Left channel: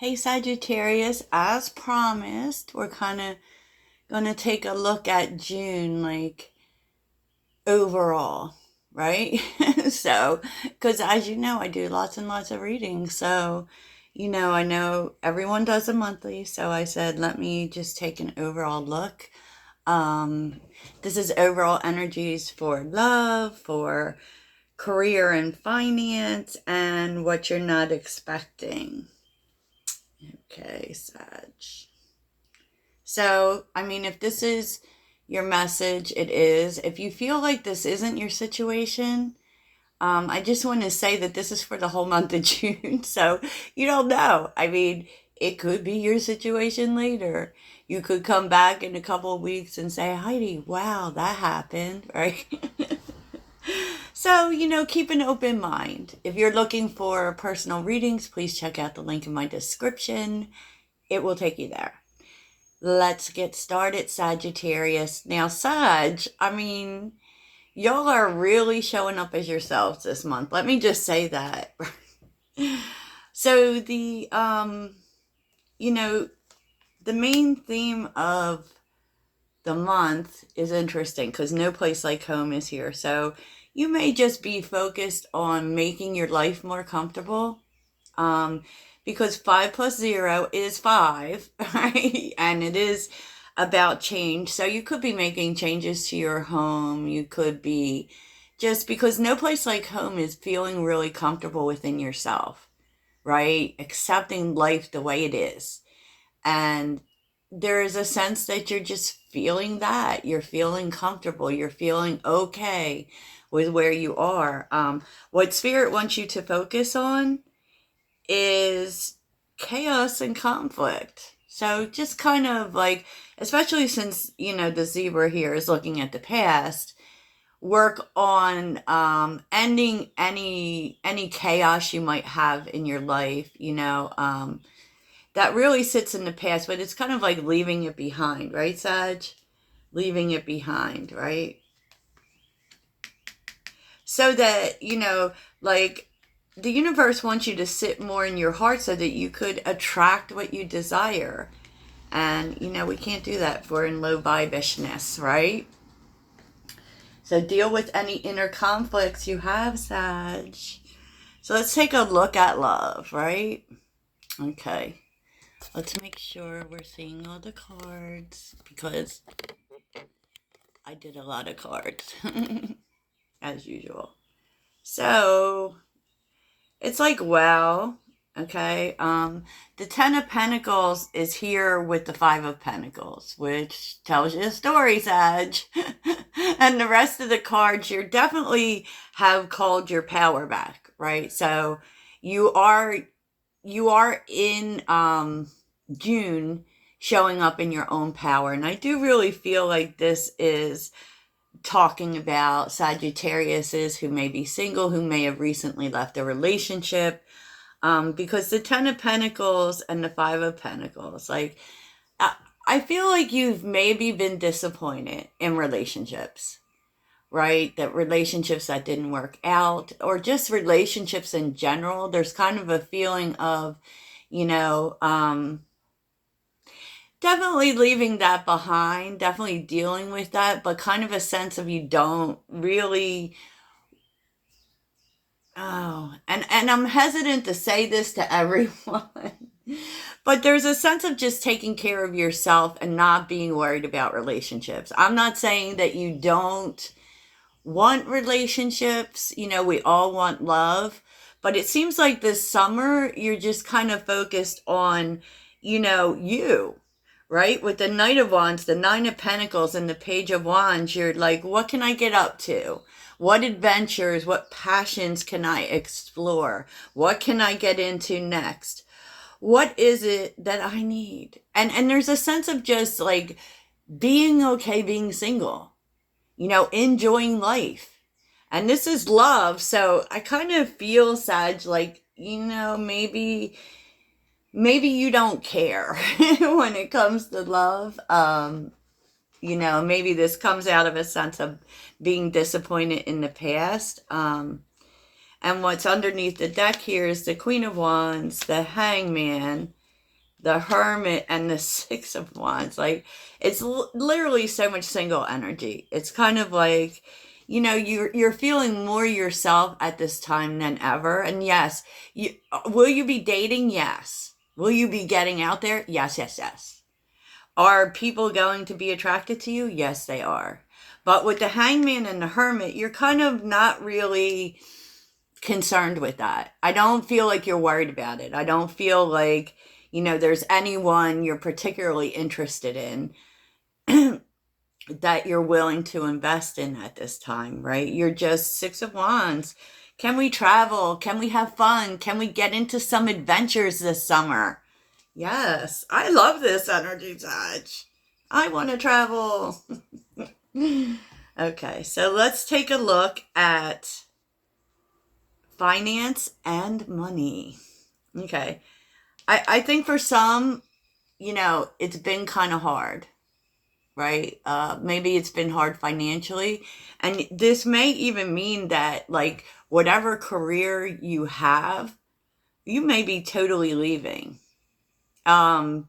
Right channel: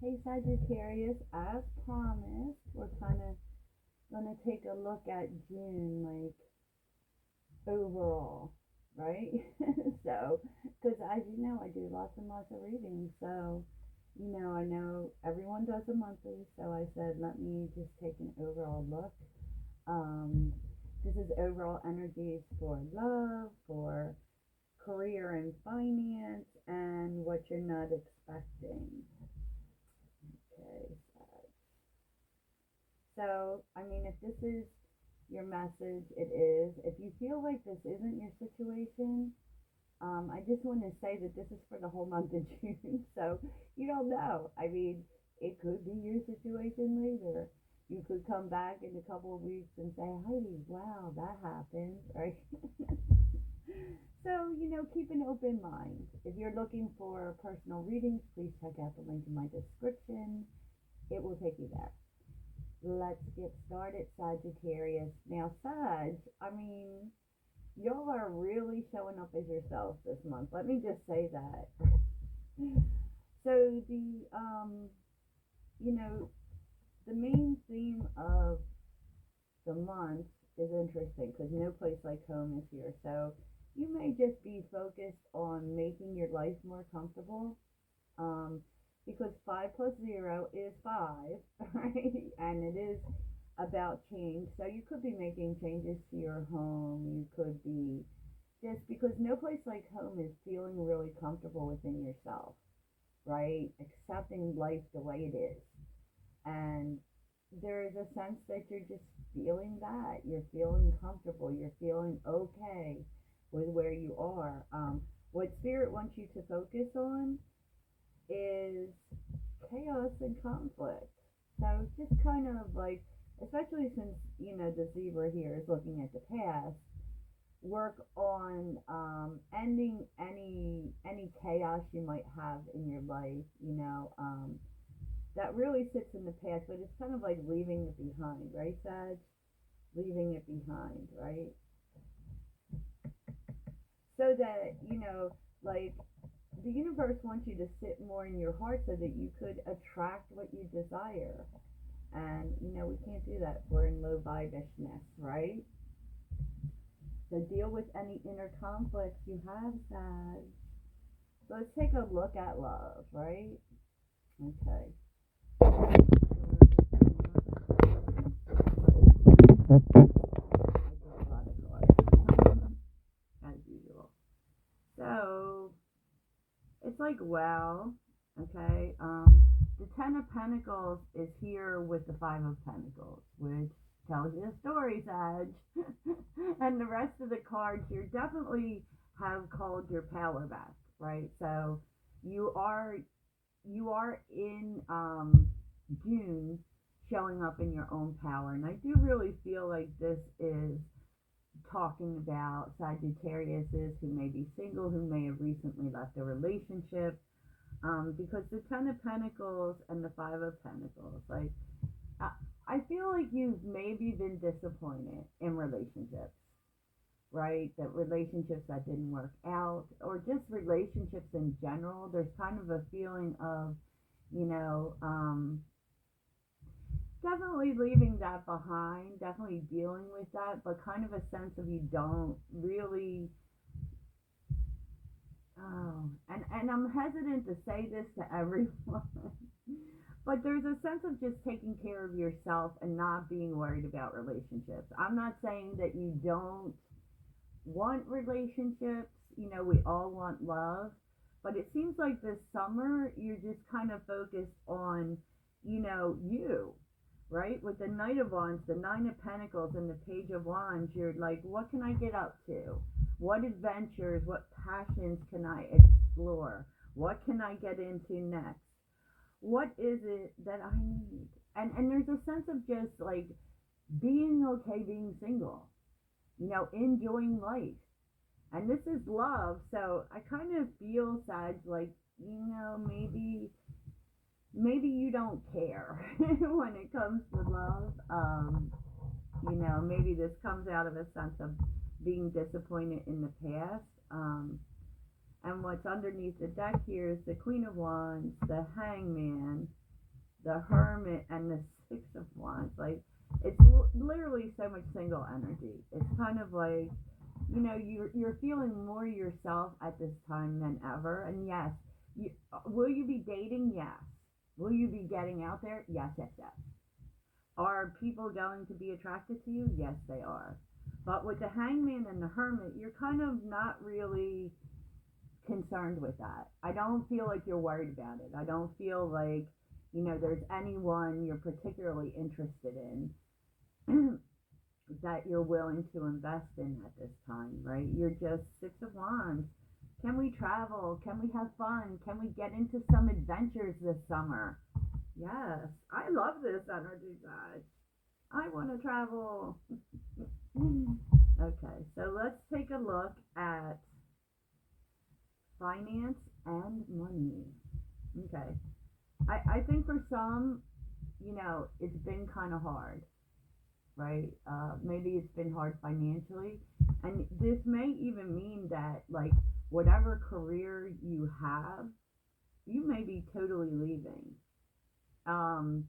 Hey Sagittarius, as promised, we're kind of going to take a look at June, like overall, right? So, because as you know, I do lots and lots of readings. So, I know everyone does a monthly. So I said, let me just take an overall look. Um, this is overall energies for love, for career and finance, and what you're not expecting. Okay, Sag. So, I mean, if this is your message, it is. If you feel like this isn't your situation, I just want to say that this is for the whole month of June. So you don't know. I mean, it could be your situation later. You could come back in a couple of weeks and say, Heidi, wow, that happened, right? So, keep an open mind. If you're looking for personal readings, please check out the link in my description. It will take you there. Let's get started, Sagittarius. Now, Sag, I mean, y'all are really showing up as yourselves this month. Let me just say that. So the main theme of the month is interesting because no place like home is here. So you may just be focused on making your life more comfortable. Um, because 5 plus 0 is 5, right? And it is about change. So you could be making changes to your home. You could be just because no place like home is feeling really comfortable within yourself, right? Accepting life the way it is. And there is a sense that you're just feeling that. You're feeling comfortable. You're feeling okay with where you are. What Spirit wants you to focus on is chaos and conflict. So just kind of like, especially since, the zebra here is looking at the past, work on ending any chaos you might have in your life, that really sits in the past, but it's kind of like leaving it behind, right, Sag? Leaving it behind, right? So that, like the universe wants you to sit more in your heart so that you could attract what you desire. And, we can't do that if we're in low vibishness, right? So deal with any inner conflicts you have, Sag. So let's take a look at love, right? Okay. Let's make sure we're seeing all the cards because I did a lot of cards, as usual. So it's like, wow, okay. The 10 of Pentacles is here with the 5 of Pentacles, which tells you a story, Sag. And the rest of the cards, you definitely have called your power back, right? So you are in June showing up in your own power. And I do really feel like this is talking about Sagittariuses who may be single, who may have recently left a relationship. Because the 10 of Pentacles and the 5 of Pentacles, like, I feel like you've maybe been disappointed in relationships, right? That relationships that didn't work out, or just relationships in general. There's kind of a feeling of, you know, um, definitely leaving that behind, definitely dealing with that, but kind of a sense of you don't really. Oh, and I'm hesitant to say this to everyone, but there's a sense of just taking care of yourself and not being worried about relationships. I'm not saying that you don't want relationships. We all want love, but it seems like this summer you're just kind of focused on, you, right? With the Knight of Wands, the 9 of Pentacles, and the Page of Wands, you're like, what can I get up to? What adventures, what passions can I explore? What can I get into next? What is it that I need? And there's a sense of just like being okay being single, enjoying life. And this is love. So I kind of feel, Sag, like, maybe you don't care when it comes to love. Maybe this comes out of a sense of being disappointed in the past. And what's underneath the deck here is the Queen of Wands, the Hangman, the Hermit, and the Six of Wands. Like, it's literally so much single energy. It's kind of like, you know, you're feeling more yourself at this time than ever. And yes, you will you be dating? Yes. Will you be getting out there? Yes, yes, yes. Are people going to be attracted to you? Yes, they are. But with the Hangman and the Hermit, you're kind of not really concerned with that. I don't feel like you're worried about it. I don't feel like, you know, there's anyone you're particularly interested in that you're willing to invest in at this time, right? You're just Six of Wands. Can we travel? Can we have fun? Can we get into some adventures this summer? Yes, I love this energy, touch. I want to travel. Okay, so let's take a look at finance and money. Okay. I think for some, you know, it's been kind of hard, right? Maybe it's been hard financially. And this may even mean that, like, whatever career you have, you may be totally leaving. Um,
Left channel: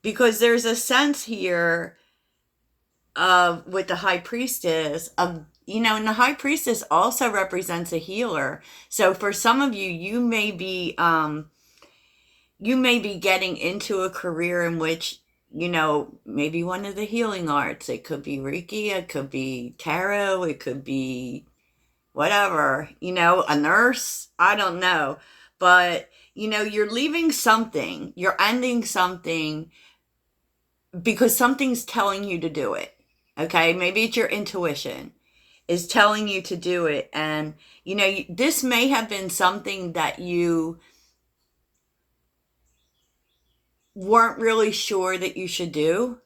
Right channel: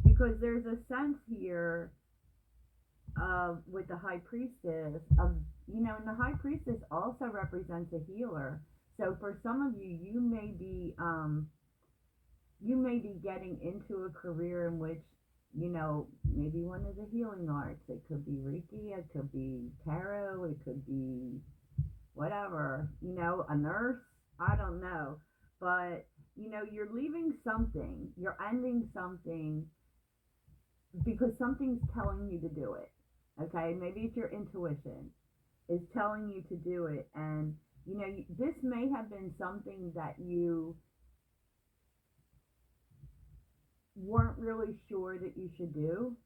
because there's a sense here of, with the High Priestess, of, you know, and the High Priestess also represents a healer. So for some of you, you may be getting into a career in which, you know, maybe one of the healing arts. It could be Reiki, it could be tarot, it could be whatever, you know, a nurse. I don't know. But, you know, you're leaving something, you're ending something because something's telling you to do it. Okay? Maybe it's your intuition is telling you to do it. And, you know, this may have been something that you weren't really sure that you should do,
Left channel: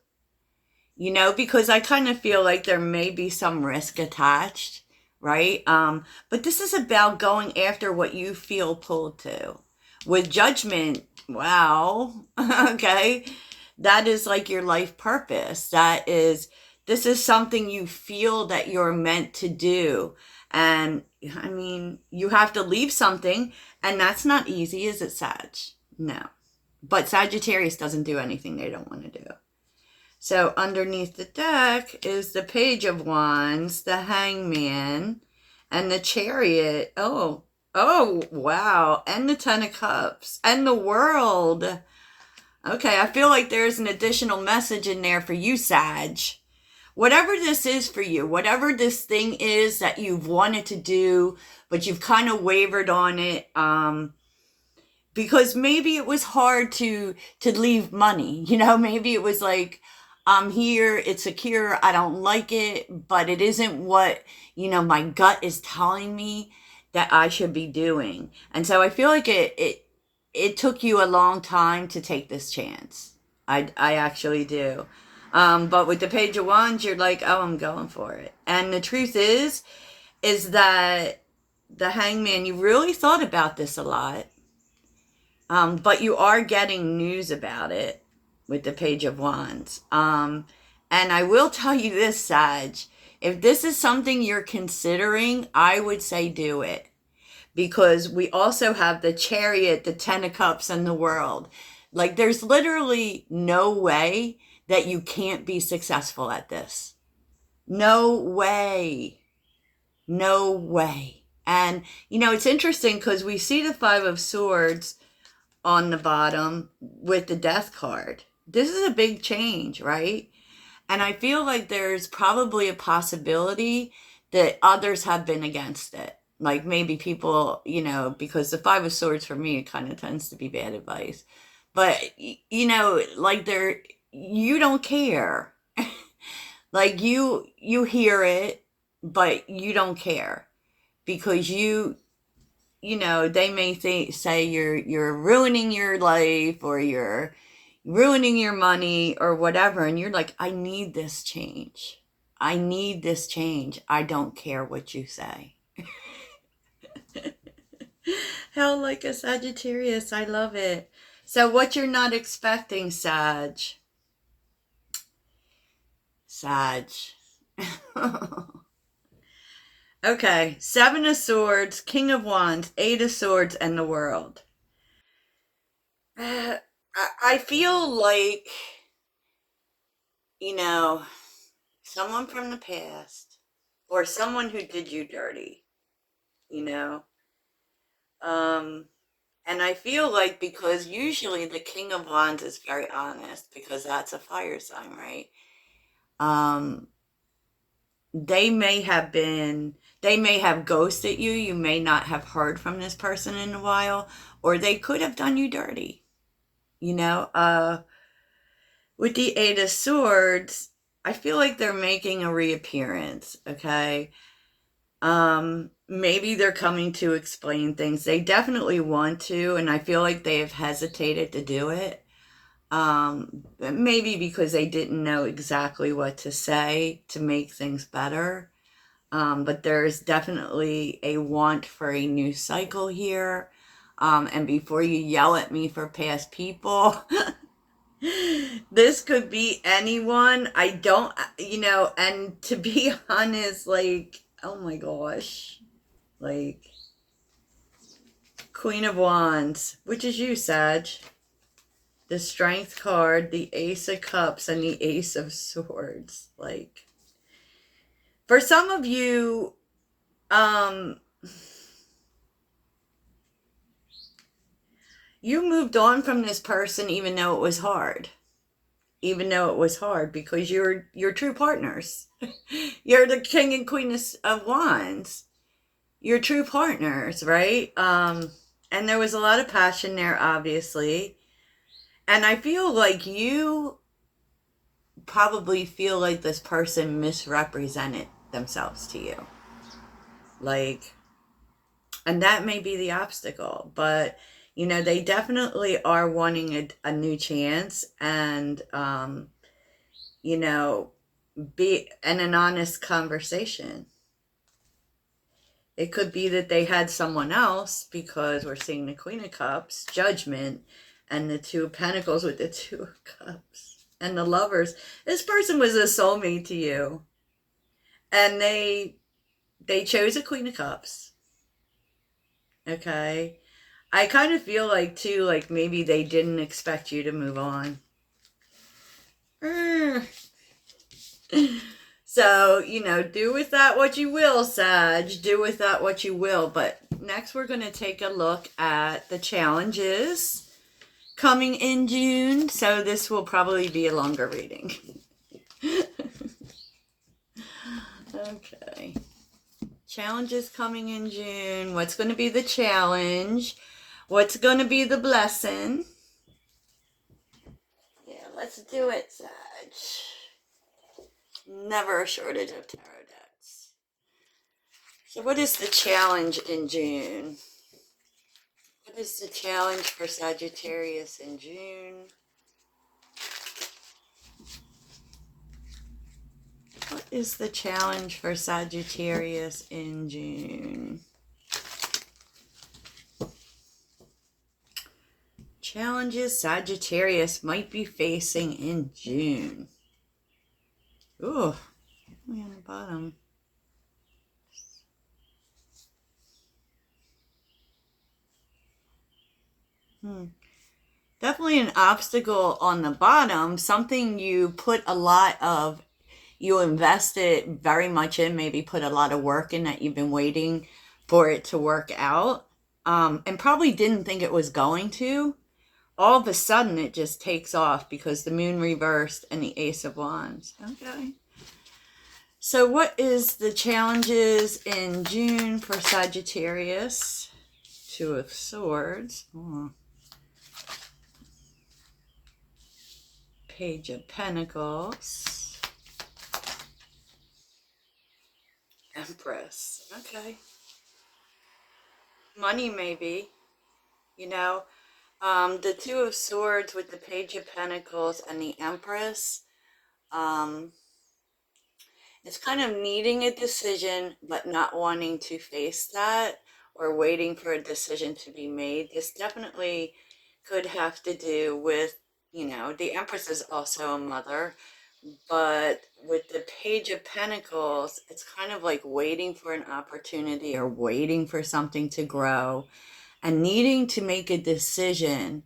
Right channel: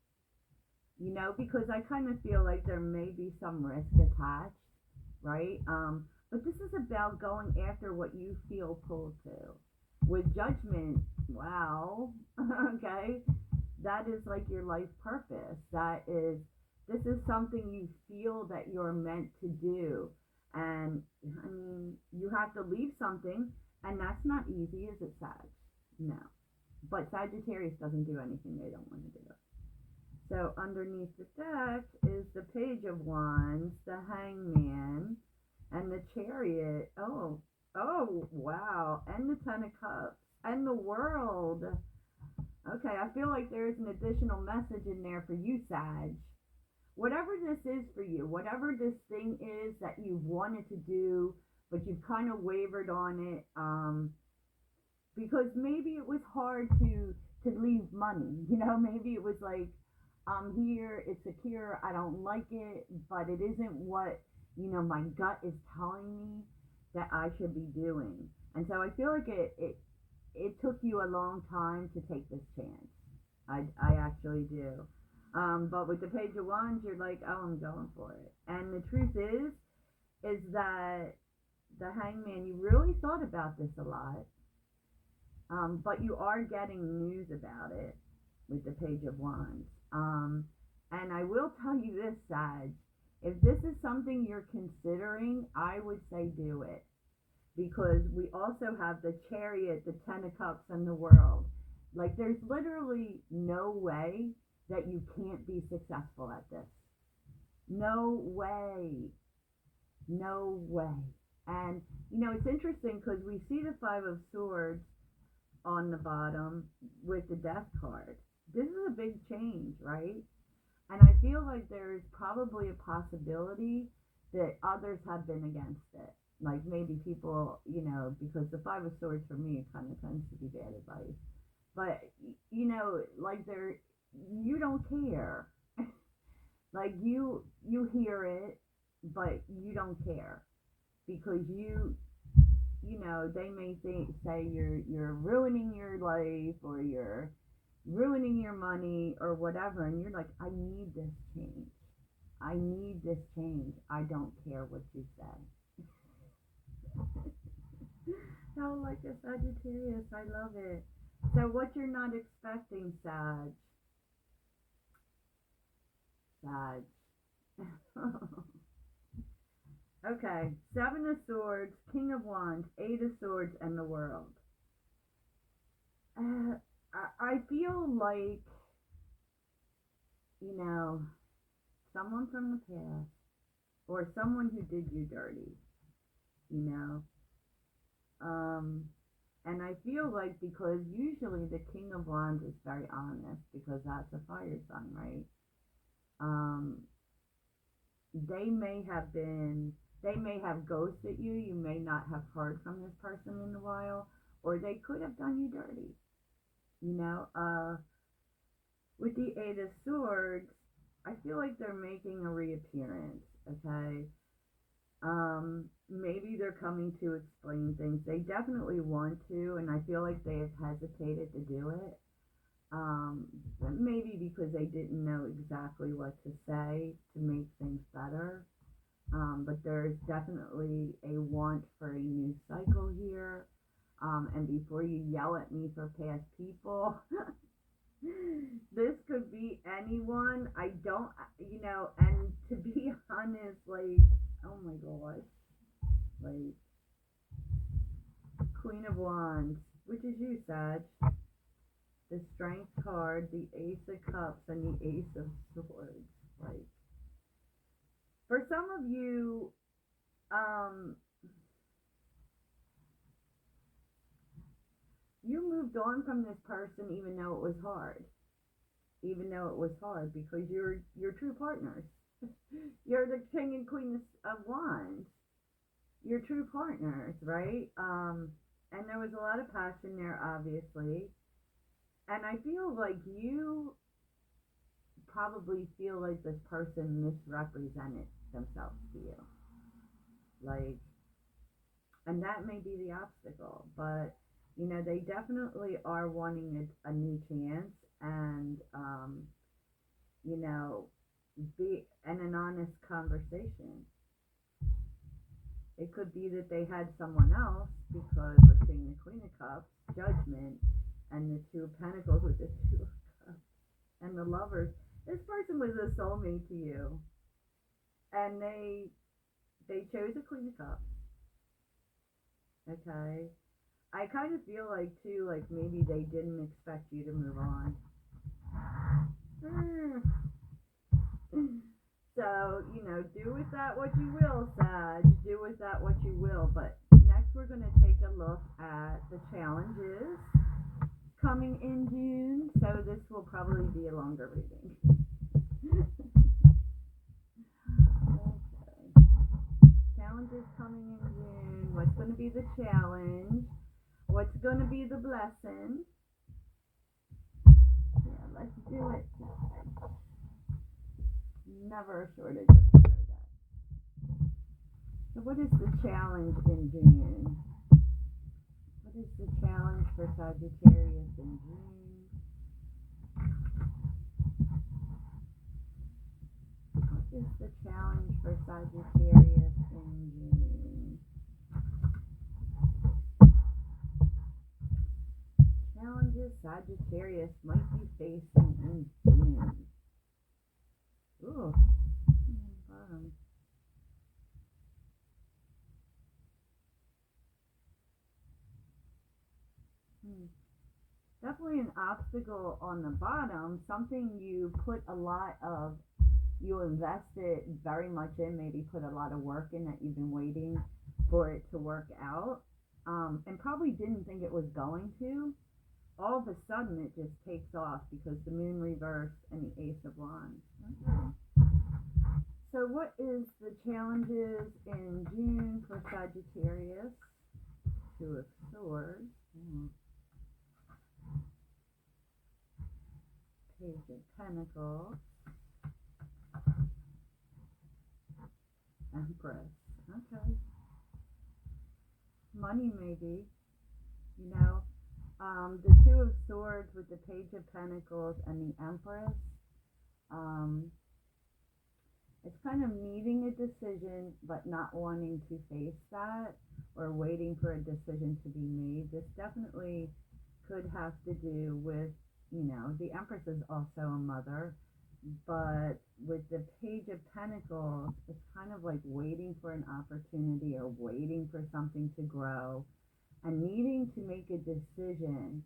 you know, because I kind of feel like there may be some risk attached, right? But this is about going after what you feel pulled to. With Judgment, wow, okay, that is like your life purpose. This is something you feel that you're meant to do. And I mean, you have to leave something, and that's not easy, is it, Sag? No. But Sagittarius doesn't do anything they don't want to do. So underneath the deck is the Page of Wands, the Hangman, and the Chariot. Oh, wow. And the Ten of Cups, and the World. Okay, I feel like there's an additional message in there for you, Sag. Whatever this is for you, whatever this thing is that you've wanted to do, but you've kind of wavered on it, because maybe it was hard to leave money, you know, maybe it was like, I'm here, it's secure, I don't like it, but it isn't what, you know, my gut is telling me that I should be doing. And so I feel like it took you a long time to take this chance. I actually do. But with the Page of Wands, you're like, oh, I'm going for it. And the truth is that the Hangman, you really thought about this a lot. But you are getting news about it with the Page of Wands. And I will tell you this, Sag, if this is something you're considering, I would say do it. Because we also have the Chariot, the Ten of Cups, and the World. Like, there's literally no way that you can't be successful at this. No way. No way. And, you know, it's interesting because we see the Five of Swords on the bottom with the Death card. This is a big change, right? And I feel like there's probably a possibility that others have been against it. Like maybe people, you know, because the Five of Swords for me, it kind of tends to be bad advice. But, you know, like you don't care. Like you hear it, but you don't care because you know, they may say you're ruining your life or you're ruining your money or whatever, and you're like, I need this change. I need this change. I don't care what you say. Hell, like a Sagittarius, I love it. So what you're not expecting, Sag? Sag. Okay, Seven of Swords, King of Wands, Eight of Swords, and the World. I I feel like, someone from the past or someone who did you dirty, you know. Um, and I feel like because usually the King of Wands is very honest because that's a fire sign, right? Um, they may have ghosted you. You may not have heard from this person in a while, or they could have done you dirty, you know. With the Eight of Swords, I feel like they're making a reappearance, okay? Maybe they're coming to explain things. They definitely want to, and I feel like they have hesitated to do it. Maybe because they didn't know exactly what to say to make things better. But there's definitely a want for a new cycle here. And before you yell at me for past people, this could be anyone. I don't, and to be honest, like, oh my gosh, like, Queen of Wands, which is you, Sag, the Strength card, the Ace of Cups, and the Ace of Swords. Like, for some of you, you moved on from this person even though it was hard. Even though it was hard, because you're true partners. You're the King and Queen of Wands. You're true partners, right? And there was a lot of passion there, obviously. And I feel like you probably feel like this person misrepresented themselves to you. Like, and that may be the obstacle, but they definitely are wanting a new chance, and be in an honest conversation. It could be that they had someone else, because we're seeing the Queen of Cups, Judgment, and the Two of Pentacles with the Two of Cups, and the Lovers. This person was a soulmate to you, and they chose a Queen of Cups. Okay, I kind of feel like too, like maybe they didn't expect you to move on. So, do with that what you will, Sag. Do with that what you will. But next we're going to take a look at the challenges coming in June. So this will probably be a longer reading. Okay. Challenges coming in June. What's going to be the challenge? What's going to be the blessing? Yeah, let's do it, Sag. Never a shortage of tarot decks. So what is the challenge in June? What is the challenge for Sagittarius in June? What is the challenge for Sagittarius in June? Challenges Sagittarius might be facing in June. Ooh, way on the bottom. Definitely an obstacle on the bottom. Something you invested very much in, maybe put a lot of work in, that you've been waiting for it to work out. And probably didn't think it was going to. All of a sudden it just takes off because the moon reversed and the Ace of Wands. Okay. So what is the challenges in June for Sagittarius? Two of Swords. Page of Pentacles. Empress. Okay. Money, maybe. The Two of Swords with the Page of Pentacles and the Empress. It's kind of needing a decision, but not wanting to face that, or waiting for a decision to be made. This definitely could have to do with, the Empress is also a mother, but with the Page of Pentacles, it's kind of like waiting for an opportunity or waiting for something to grow and needing to make a decision,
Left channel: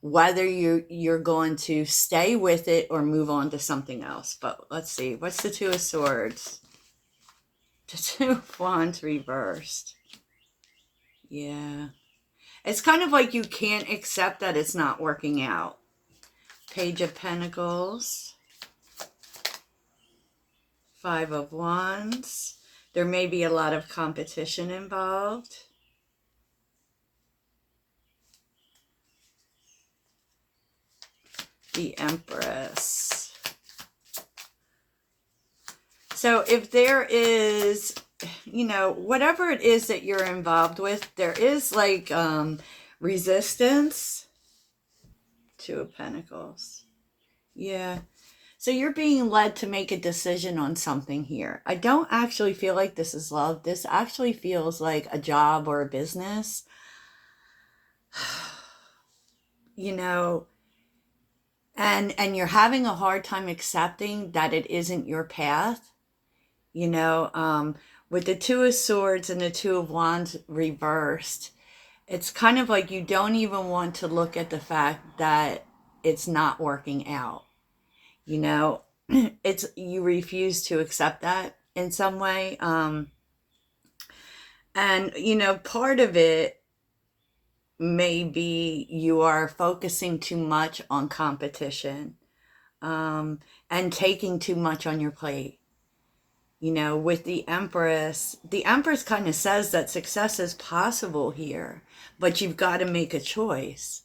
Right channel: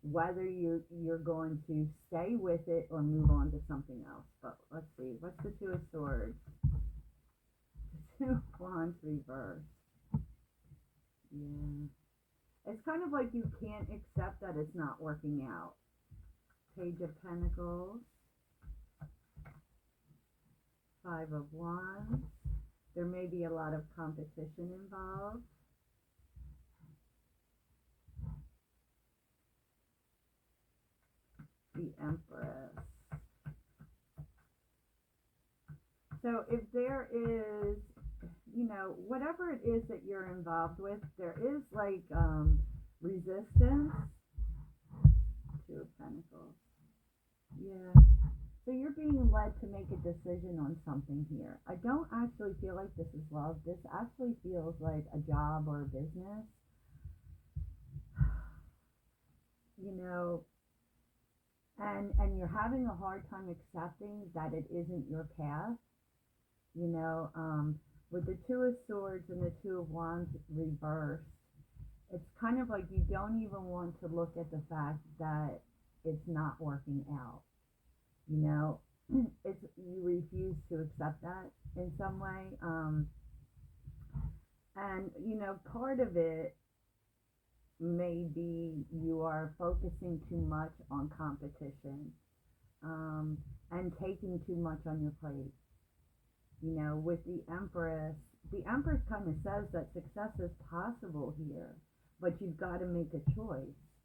whether you're going to stay with it or move on to something else. But let's see, what's the Two of Swords? The Two of Wands reversed. Yeah. It's kind of like you can't accept that it's not working out. Page of Pentacles. Five of Wands. There may be a lot of competition involved. The Empress. So if there is, you know, whatever it is that you're involved with, there is like resistance. Two of Pentacles. Yeah. So you're being led to make a decision on something here. I don't actually feel like this is love. This actually feels like a job or a business. You know, and you're having a hard time accepting that it isn't your path. You know, with the Two of Swords and the Two of Wands reversed, it's kind of like you don't even want to look at the fact that it's not working out. You know, it's, you refuse to accept that in some way. And, you know, part of it maybe you are focusing too much on competition, and taking too much on your plate. You know, with the Empress kind of says that success is possible here, but you've got to make a choice.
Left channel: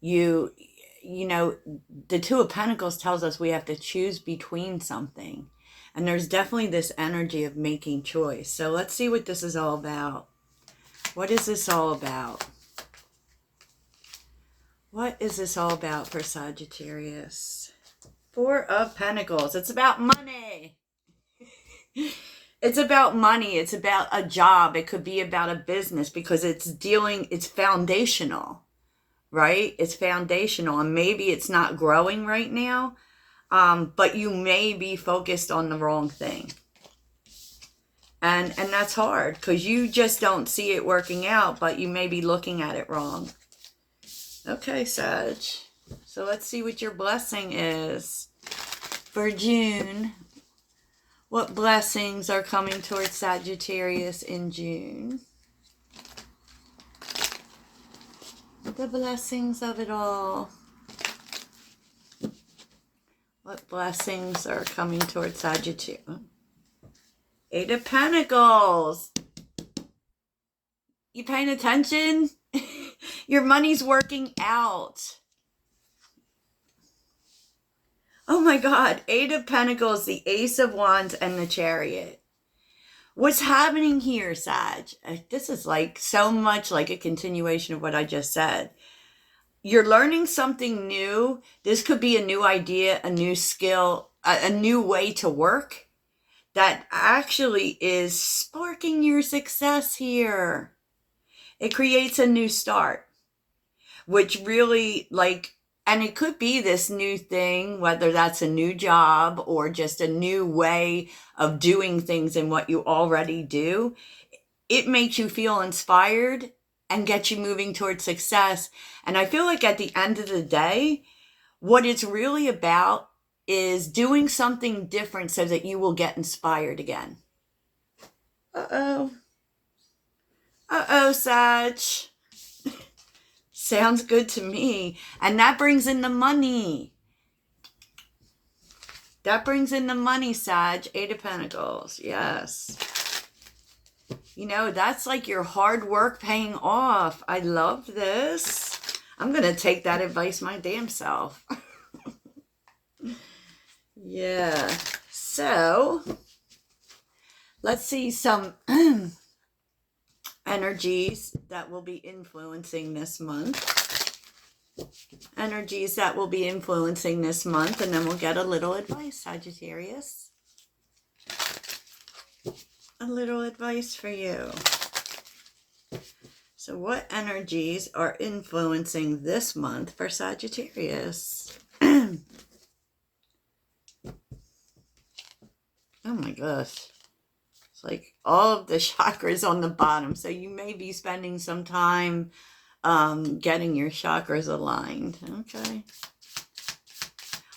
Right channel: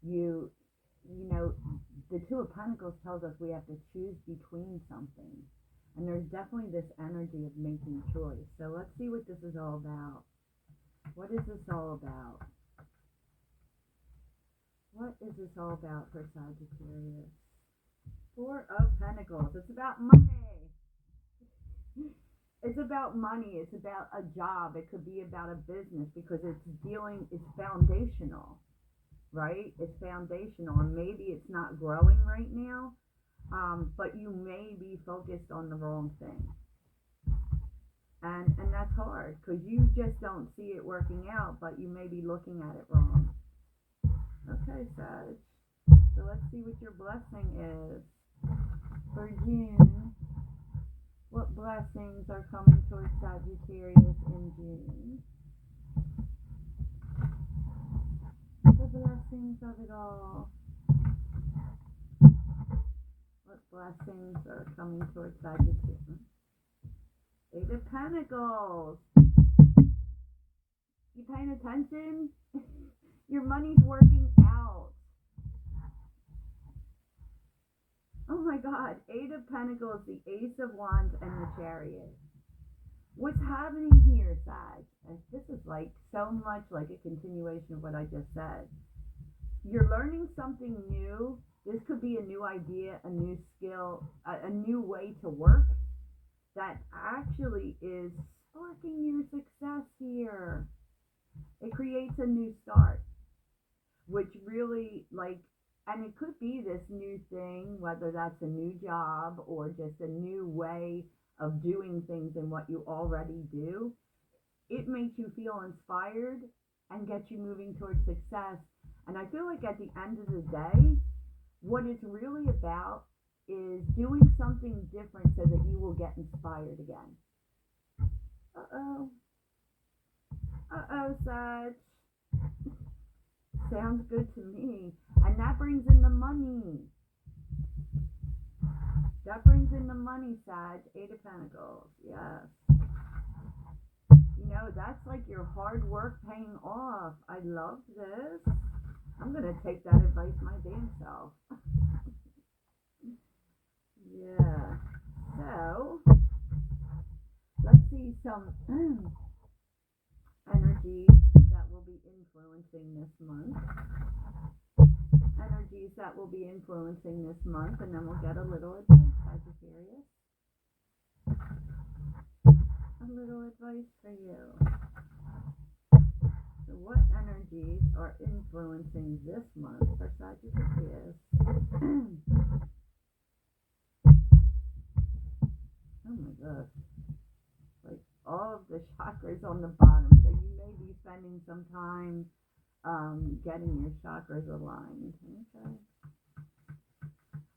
You know, the Two of Pentacles tells us we have to choose between something. And there's definitely this energy of making choice. So let's see what this is all about. What is this all about? What is this all about for Sagittarius? Four of Pentacles. It's about money. It's about money. It's about a job. It could be about a business because it's foundational, right? It's foundational, and maybe it's not growing right now, but you may be focused on the wrong thing. And that's hard because you just don't see it working out, but you may be looking at it wrong. Okay, Sag. So let's see what your blessing is for June. What blessings are coming towards Sagittarius in June? The blessings of it all. What blessings are coming towards Sagittarius? Eight of Pentacles. You paying attention? Your money's working out. Oh my God. Eight of Pentacles, the Ace of Wands, and the Chariot. What's happening here, Sag? This is like so much like a continuation of what I just said. You're learning something new. This could be a new idea, a new skill, a new way to work that actually is sparking your success here. It creates a new start, which really and it could be this new thing, whether that's a new job or just a new way of doing things in what you already do. It makes you feel inspired and gets you moving towards success. And I feel like at the end of the day, what it's really about is doing something different so that you will get inspired again. Uh-oh. Uh-oh, Sag. Sounds good to me. And that brings in the money. That brings in the money, Sag. Eight of Pentacles. Yes. You know, that's like your hard work paying off. I love this. I'm going to take that advice my damn self. Yeah. So, let's see some energies that will be influencing this month. Energies that will be influencing this month, and then we'll get a little advice, Sagittarius. A little advice for you. So what energies are influencing this month for Sagittarius? Oh my gosh. It's like all of the chakras on the bottom. So you may be spending some time getting your chakras aligned. Okay.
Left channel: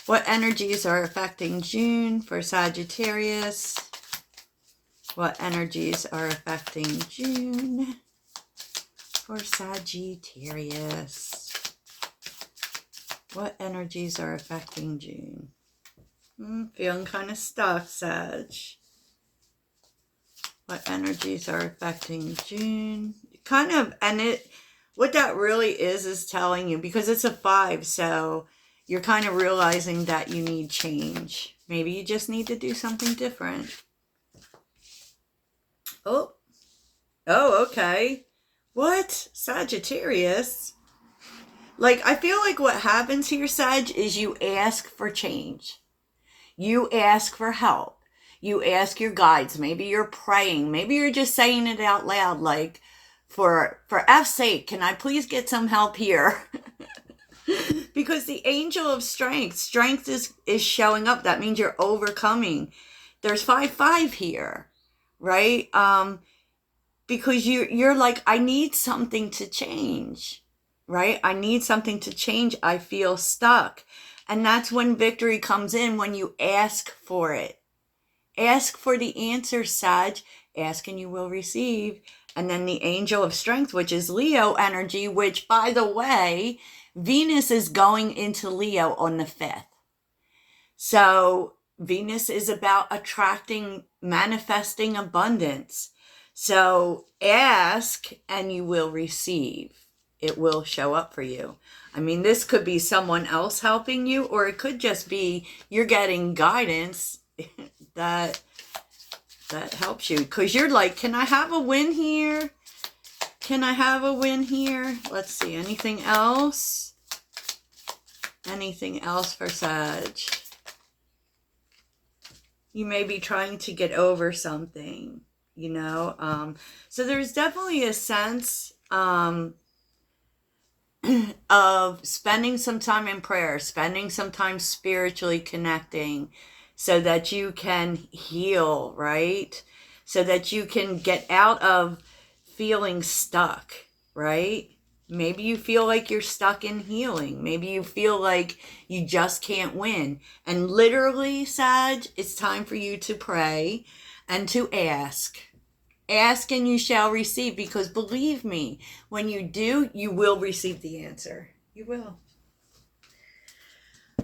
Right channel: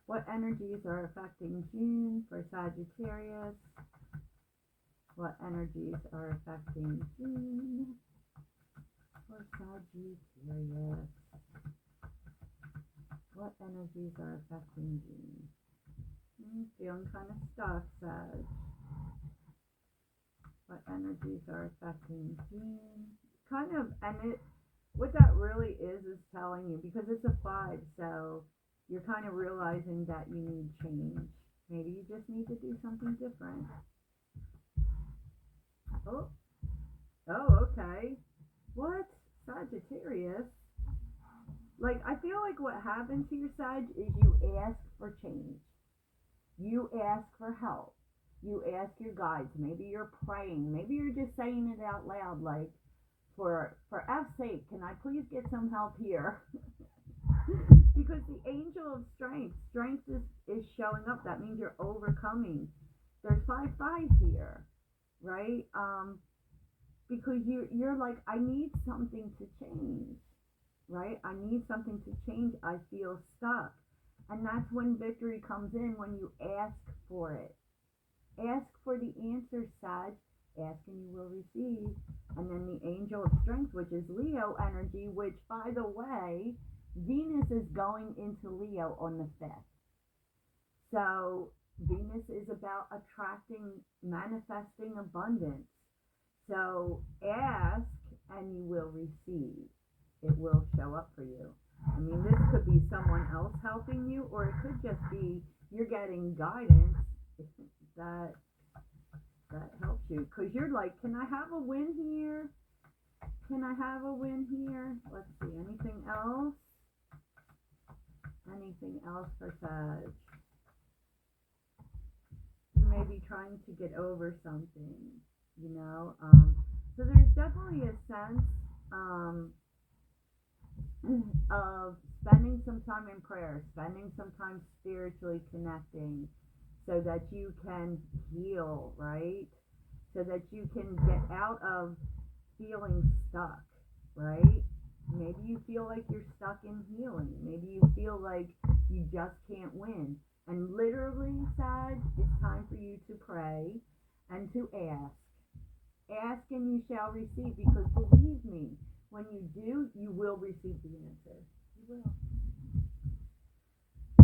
What energies are affecting June for Sagittarius? What energies are affecting June for Sagittarius? What energies are affecting June? Feeling kind of stuck, Sag. What energies are affecting June? Kind of, and what that really is telling you, because it's a 5, so you're kind of realizing that you need change. Maybe you just need to do something different. Oh, okay. What? Sagittarius? Like, I feel like what happens here, Sag, is you ask for change. You ask for help. You ask your guides. Maybe you're praying. Maybe you're just saying it out loud, like, for F's sake, can I please get some help here? Because the angel of strength is showing up. That means you're overcoming. There's 5-5 here, right? Because you're like, I need something to change, right? I need something to change. I feel stuck. And that's when victory comes in, when you ask for it. Ask for the answer, Sag. Ask and you will receive. And then the angel of strength, which is Leo energy, which, by the way, Venus is going into Leo on the 5th. So Venus is about attracting, manifesting abundance. So ask and you will receive. It will show up for you. I mean, this could be someone else helping you, or it could just be you're getting guidance that helps you. Because you're like, can I have a win here? Can I have a win here? Let's see. Anything else? Anything else for Sag? You may be trying to get over something, you know? So there's definitely a sense of spending some time in prayer, spending some time spiritually connecting so that you can heal, right? So that you can get out of feeling stuck, right? Maybe you feel like you're stuck in healing. Maybe you feel like you just can't win. And literally, Sag, it's time for you to pray and to ask. Ask and you shall receive, because believe me, when you do, you will receive the answer. You will.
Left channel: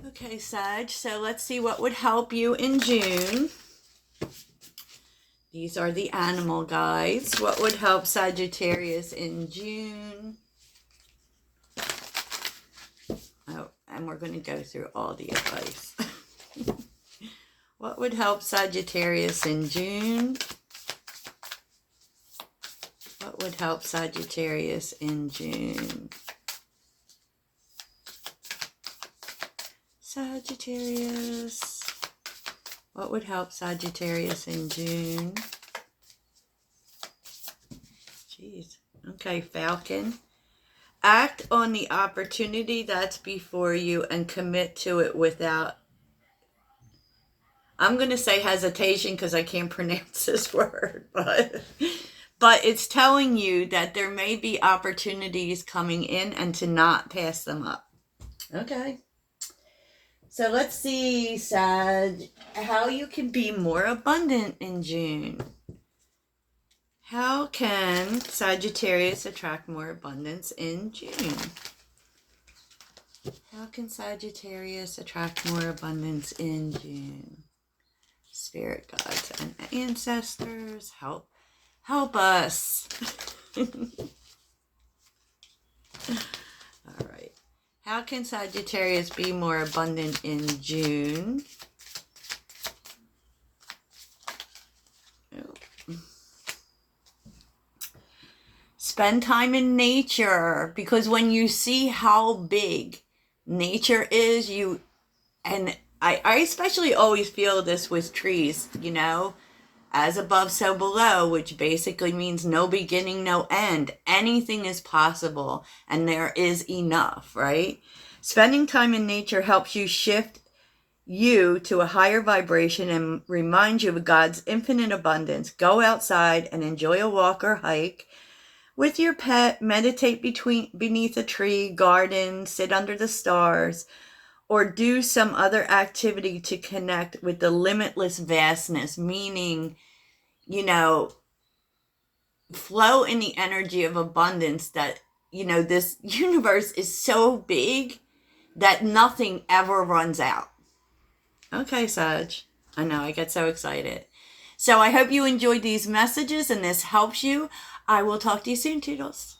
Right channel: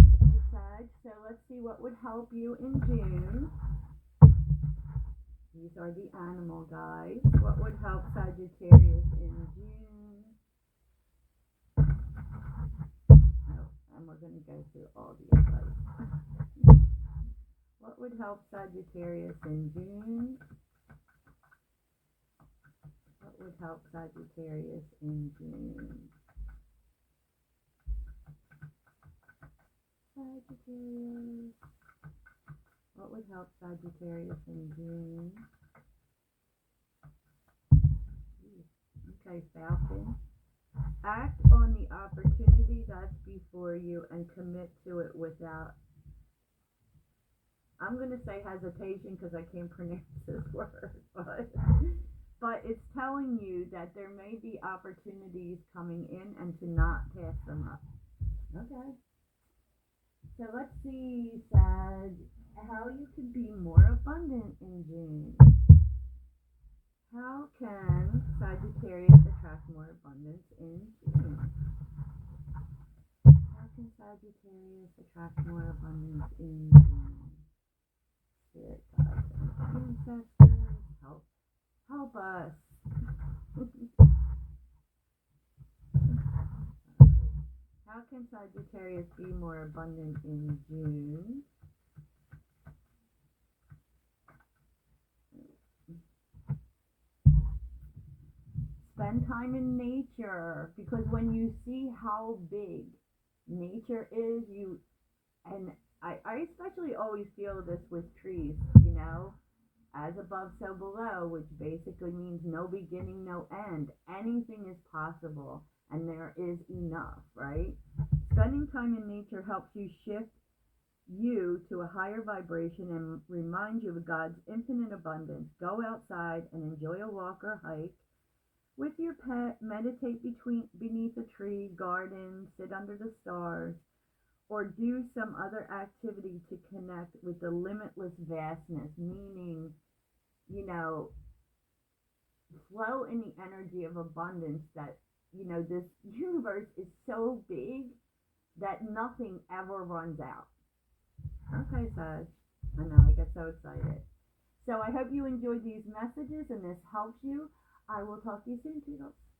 Okay, Sag, so let's see what would help you in June. These are the animal guides. What would help Sagittarius in June? Oh, and we're going to go through all the advice. What would help Sagittarius in June? What would help Sagittarius in June? Sagittarius. What would help Sagittarius in June? Jeez. Okay, Falcon. Act on the opportunity that's before you and commit to it without, I'm going to say hesitation because I can't pronounce this word, but it's telling you that there may be opportunities coming in and to not pass them up. Okay. So let's see, Sag, how you can be more abundant in June. How can Sagittarius attract more abundance in June? How can Sagittarius attract more abundance in June? Spirit guides and ancestors, help us. All right. How can Sagittarius be more abundant in June? Spend time in nature, because when you see how big nature is, and I especially always feel this with trees, you know, as above, so below, which basically means no beginning, no end. Anything is possible, and there is enough, right? Spending time in nature helps you shift you to a higher vibration and remind you of God's infinite abundance. Go outside and enjoy a walk or hike. with your pet, meditate beneath a tree, garden, sit under the stars, or do some other activity to connect with the limitless vastness, meaning, you know, flow in the energy of abundance that, you know, this universe is so big that nothing ever runs out. Okay, Sag. I know, I get so excited. So I hope you enjoyed these messages and this helps you. I will talk to you soon, Toodles.